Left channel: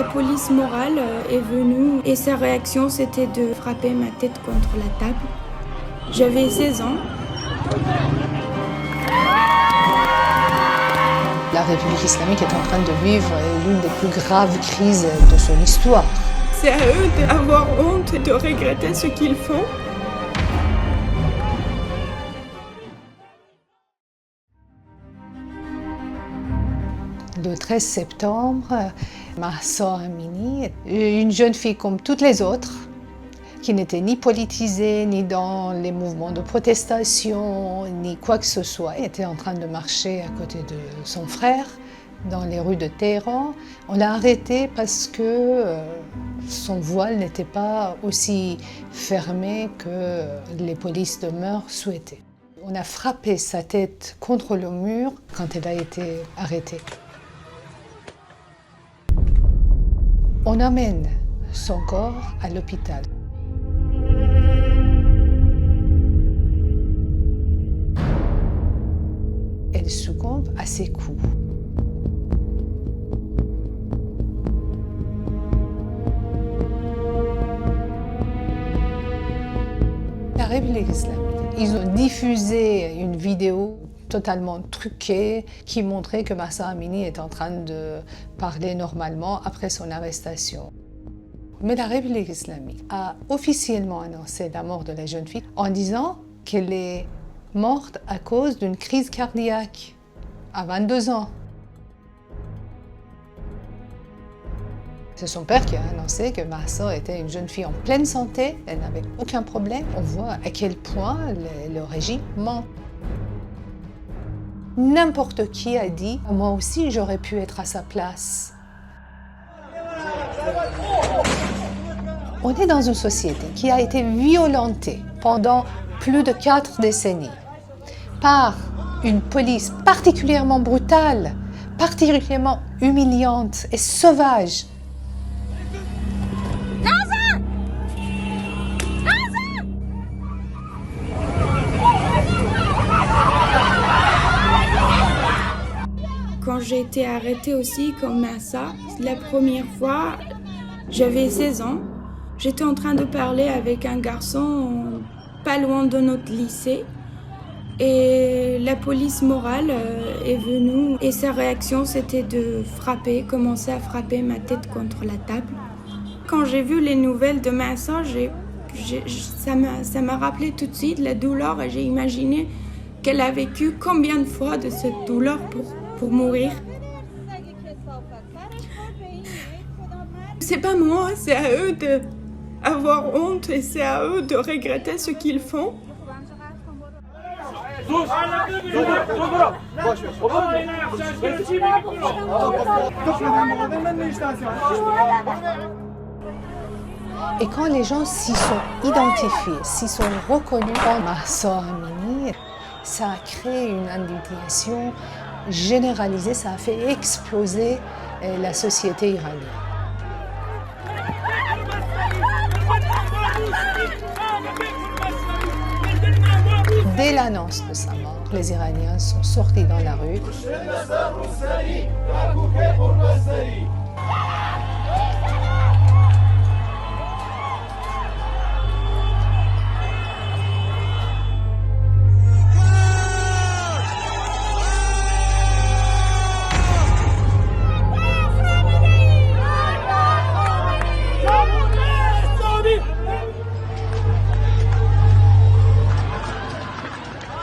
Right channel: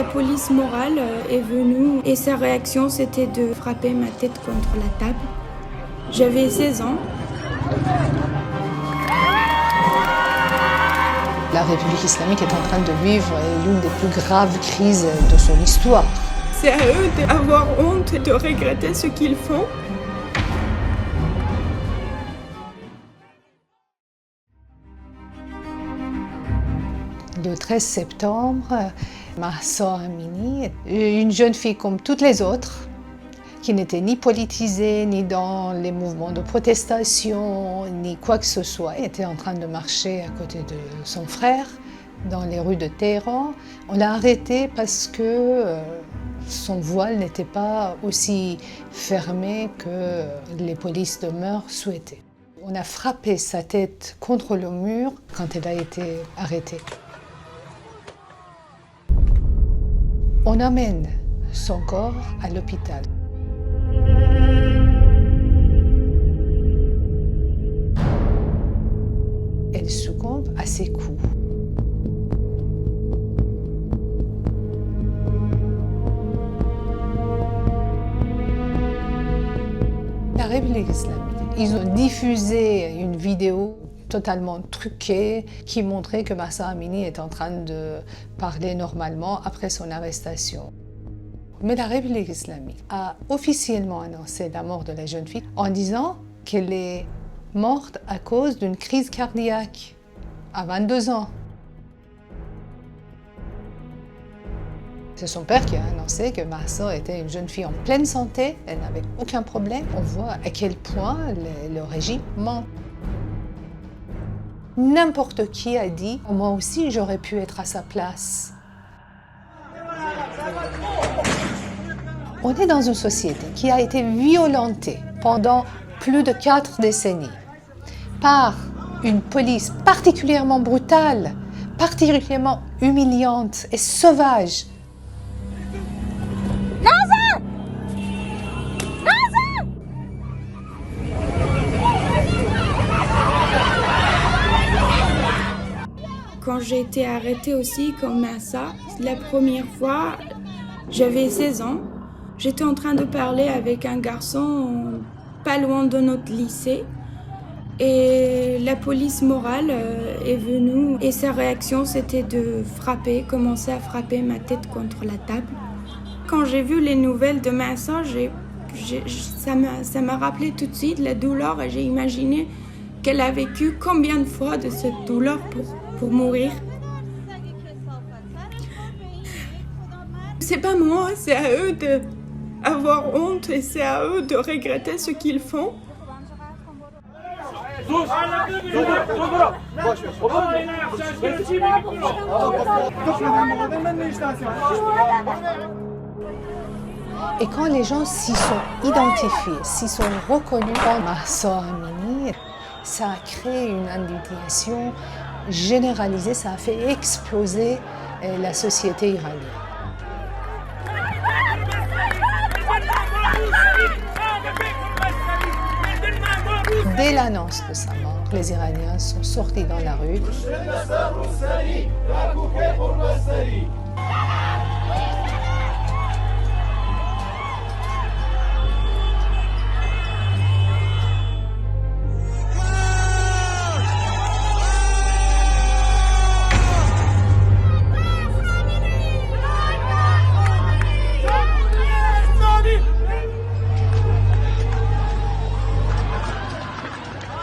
La police morale est venue et sa réaction c'était de frapper ma tête contre la table. J'avais 16 ans. La République islamique est en train de vivre l'une des plus graves crises de son histoire. C'est à eux d'avoir honte et de regretter ce qu'ils font. Le 13 septembre, Mahsa Amini, une jeune fille comme toutes les autres, qui n'était ni politisée, ni dans les mouvements de protestation, ni quoi que ce soit, était en train de marcher à côté de son frère dans les rues de Téhéran. On l'a arrêtée parce que son voile n'était pas aussi fermé que les polices de mœurs souhaitaient. On a frappé sa tête contre le mur quand elle a été arrêtée. On amène son corps à l'hôpital. Elle succombe à ses coups. La République islamique, ils ont diffusé une vidéo totalement truquée qui montrait que Mahsa Amini est en train de parler normalement après son arrestation. Mais la République islamique a officiellement annoncé la mort de la jeune fille en disant qu'elle est morte à cause d'une crise cardiaque à 22 ans. C'est son père qui a annoncé que Mahsa était une jeune fille en pleine santé, elle n'avait aucun problème. On voit à quel point le régime ment. N'importe qui a dit « moi aussi j'aurais pu être à sa place ». On est dans une société qui a été violentée pendant plus de 4 décennies par une police particulièrement brutale, particulièrement humiliante et sauvage. Quand j'ai été arrêtée aussi comme Mahsa, la première fois, j'avais 16 ans. J'étais en train de parler avec un garçon pas loin de notre lycée. Et la police morale est venue et sa réaction c'était de commencer à frapper ma tête contre la table. Quand j'ai vu les nouvelles de Mahsa, ça m'a rappelé tout de suite la douleur et j'ai imaginé qu'elle a vécu combien de fois de cette douleur pour mourir. C'est pas moi, c'est à eux d'avoir honte et c'est à eux de regretter ce qu'ils font. Et quand les gens s'y sont identifiés, s'y sont reconnus dans Mahsa Amini, ça a créé une indignation généralisée, ça a fait exploser la société iranienne. Dès l'annonce de sa mort, les Iraniens sont sortis dans la rue.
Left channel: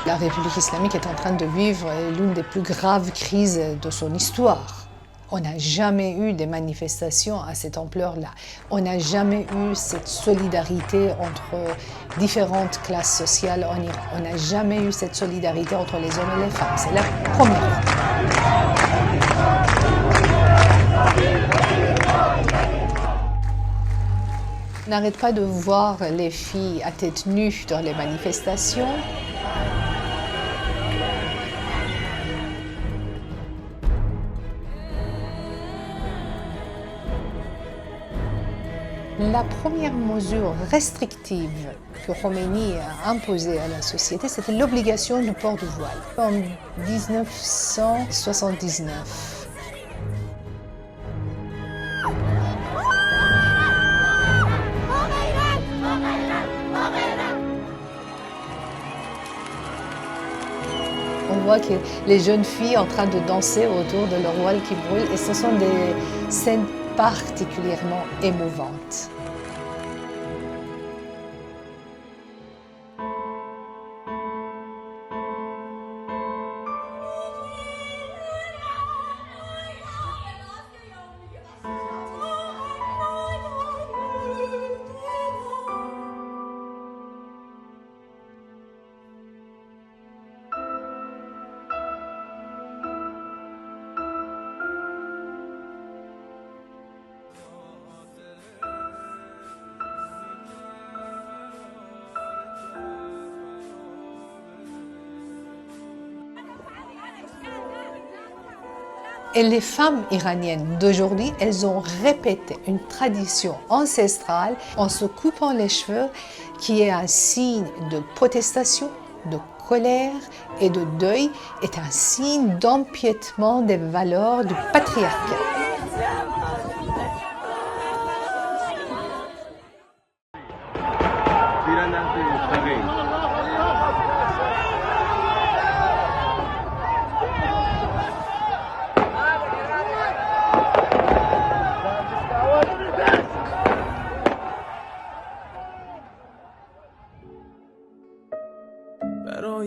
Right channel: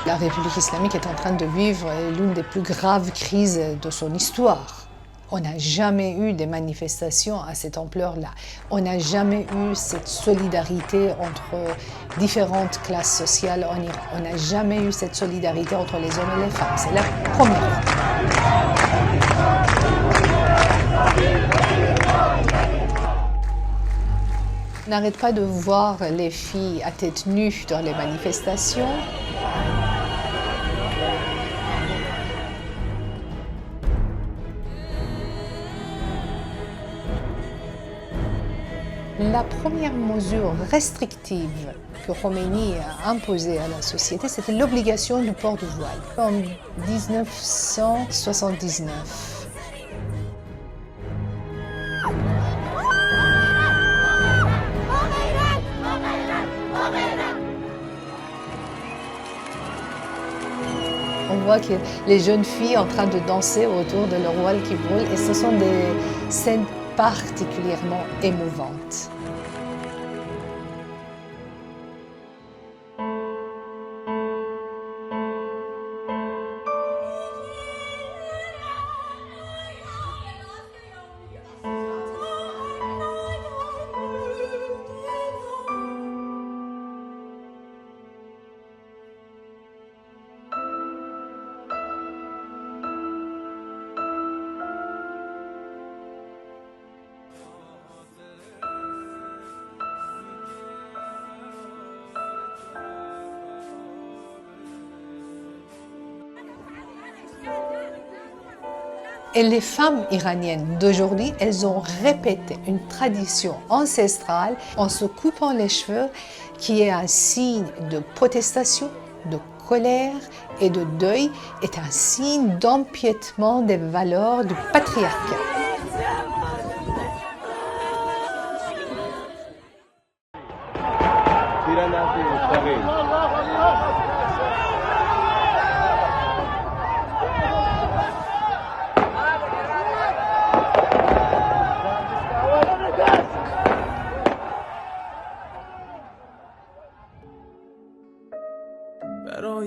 La République islamique est en train de vivre l'une des plus graves crises de son histoire. On n'a jamais eu des manifestations à cette ampleur-là. On n'a jamais eu cette solidarité entre différentes classes sociales en Iran. On n'a jamais eu cette solidarité entre les hommes et les femmes. C'est la première fois. On n'arrête pas de voir les filles à tête nue dans les manifestations. La première mesure restrictive que Khomeini a imposée à la société, c'était l'obligation du port du voile en 1979. On voit que les jeunes filles en train de danser autour de leur voile qui brûle et ce sont des scènes particulièrement émouvantes. Et les femmes iraniennes d'aujourd'hui, elles ont répété une tradition ancestrale en se coupant les cheveux qui est un signe de protestation, de colère et de deuil, est un signe d'empiètement des valeurs du patriarcat.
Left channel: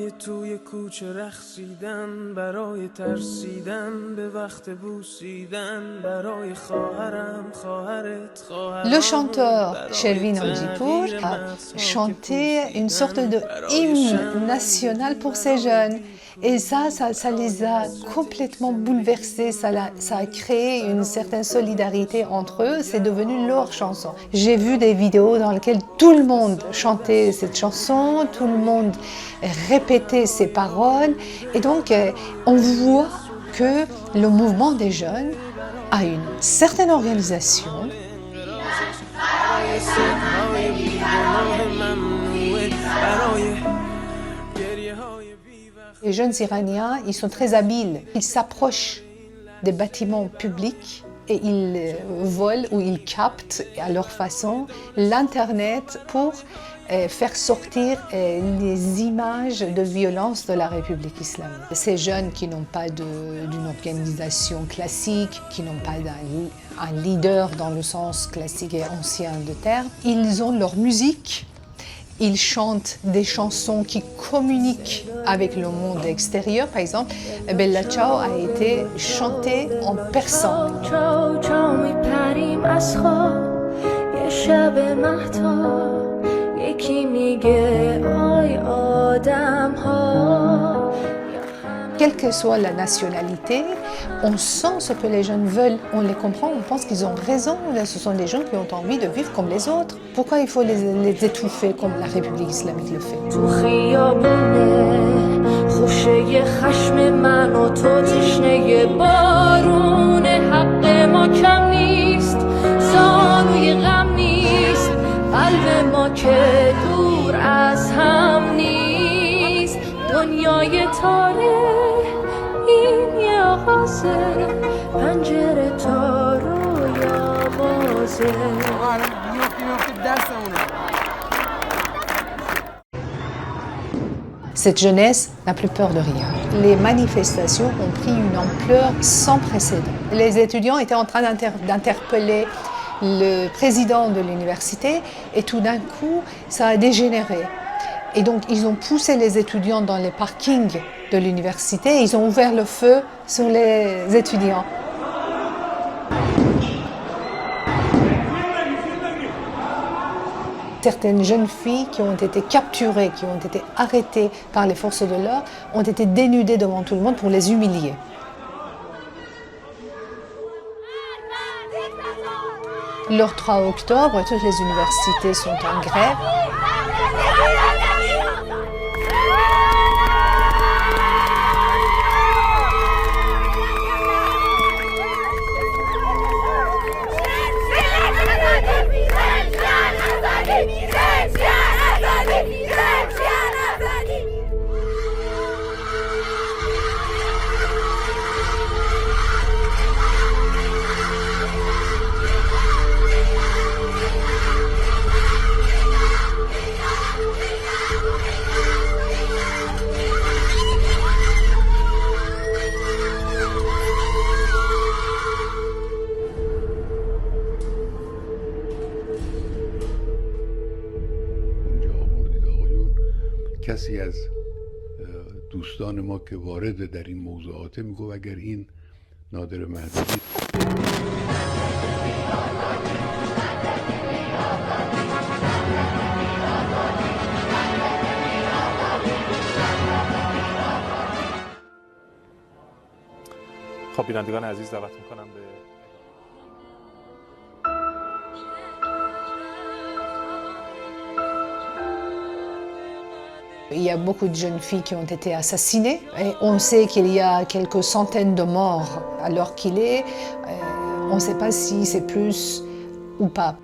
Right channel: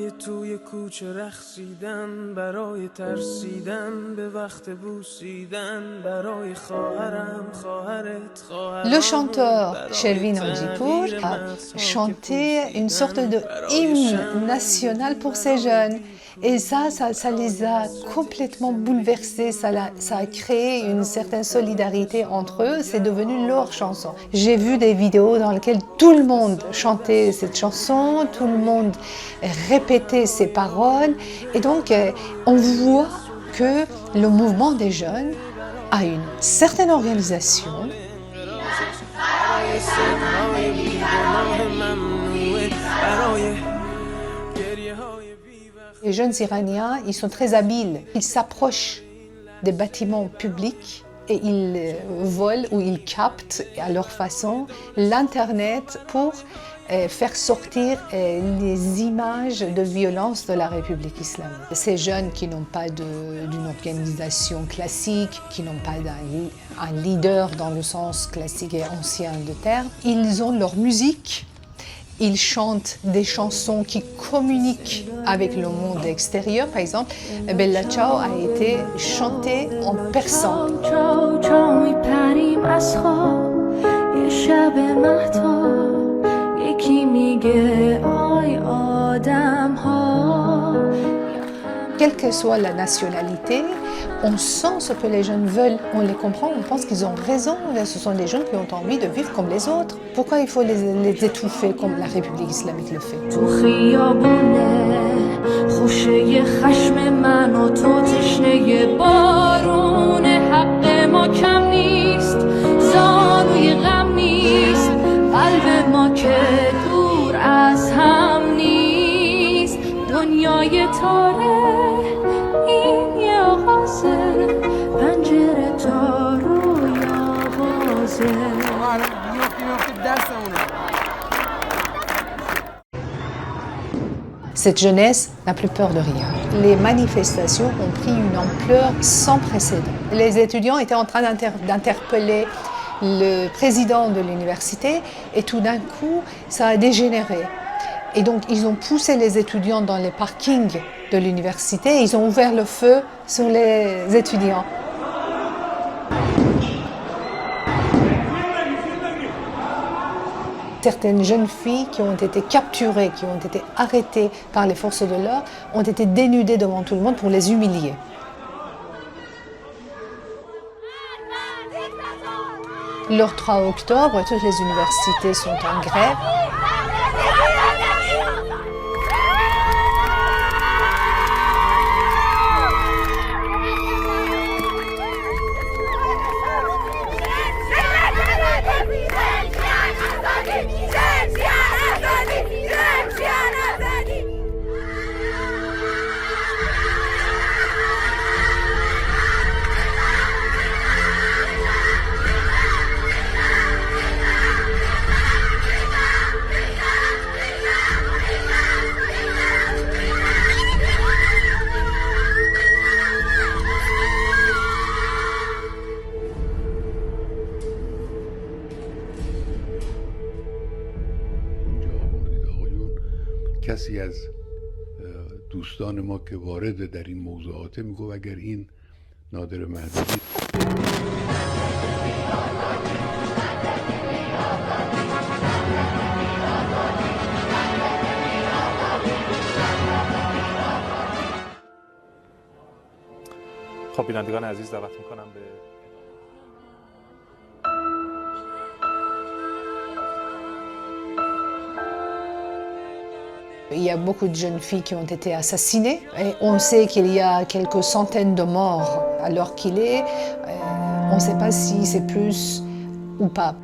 برای توی کوچه رقصیدن برای ترسیدن به وقت بوسیدن برای خواهرم خواهرت خواهرام. Le chanteur Shervin Hajipour a chanté une sorte de hymne national pour ces jeunes. Et ça les a complètement bouleversés, ça a créé une certaine solidarité entre eux, c'est devenu leur chanson. J'ai vu des vidéos dans lesquelles tout le monde chantait cette chanson, tout le monde répétait ses paroles, et donc on voit que le mouvement des jeunes a une certaine organisation. Les jeunes Iraniens, ils sont très habiles. Ils s'approchent des bâtiments publics et ils volent ou ils captent à leur façon l'Internet pour faire sortir les images de violence de la République islamique. Ces jeunes qui n'ont pas d'une organisation classique, qui n'ont pas un leader dans le sens classique et ancien de terme, ils ont leur musique. Ils chantent des chansons qui communiquent avec le monde extérieur. Par exemple, Bella Ciao a été chantée en persan. Quelle que soit la nationalité, on sent ce que les jeunes veulent, on les comprend, on pense qu'ils ont raison. Ce sont des gens qui ont envie de vivre comme les autres. Pourquoi il faut les étouffer comme la République islamique le fait? دنیای تاره این یه آغازه پنجره تا رویا بازه. Cette jeunesse n'a plus peur de rien. Les manifestations ont pris une ampleur sans précédent. Les étudiants étaient en train d'interpeller le président de l'université et tout d'un coup, ça a dégénéré. Et donc, ils ont poussé les étudiants dans les parkings de l'université et ils ont ouvert le feu sur les étudiants. Certaines jeunes filles qui ont été capturées, qui ont été arrêtées par les forces de l'ordre, ont été dénudées devant tout le monde pour les humilier. Le 3 octobre, toutes les universités sont en grève. کسی از دوستان ما که وارد در این موضوعات میگو اگر این نادر مهدوی خب بینندگان عزیز دعوت میکنم به Il y a beaucoup de jeunes filles qui ont été assassinées et on sait qu'il y a quelques centaines de morts à l'heure qu'il est. On ne sait pas si c'est plus ou pas.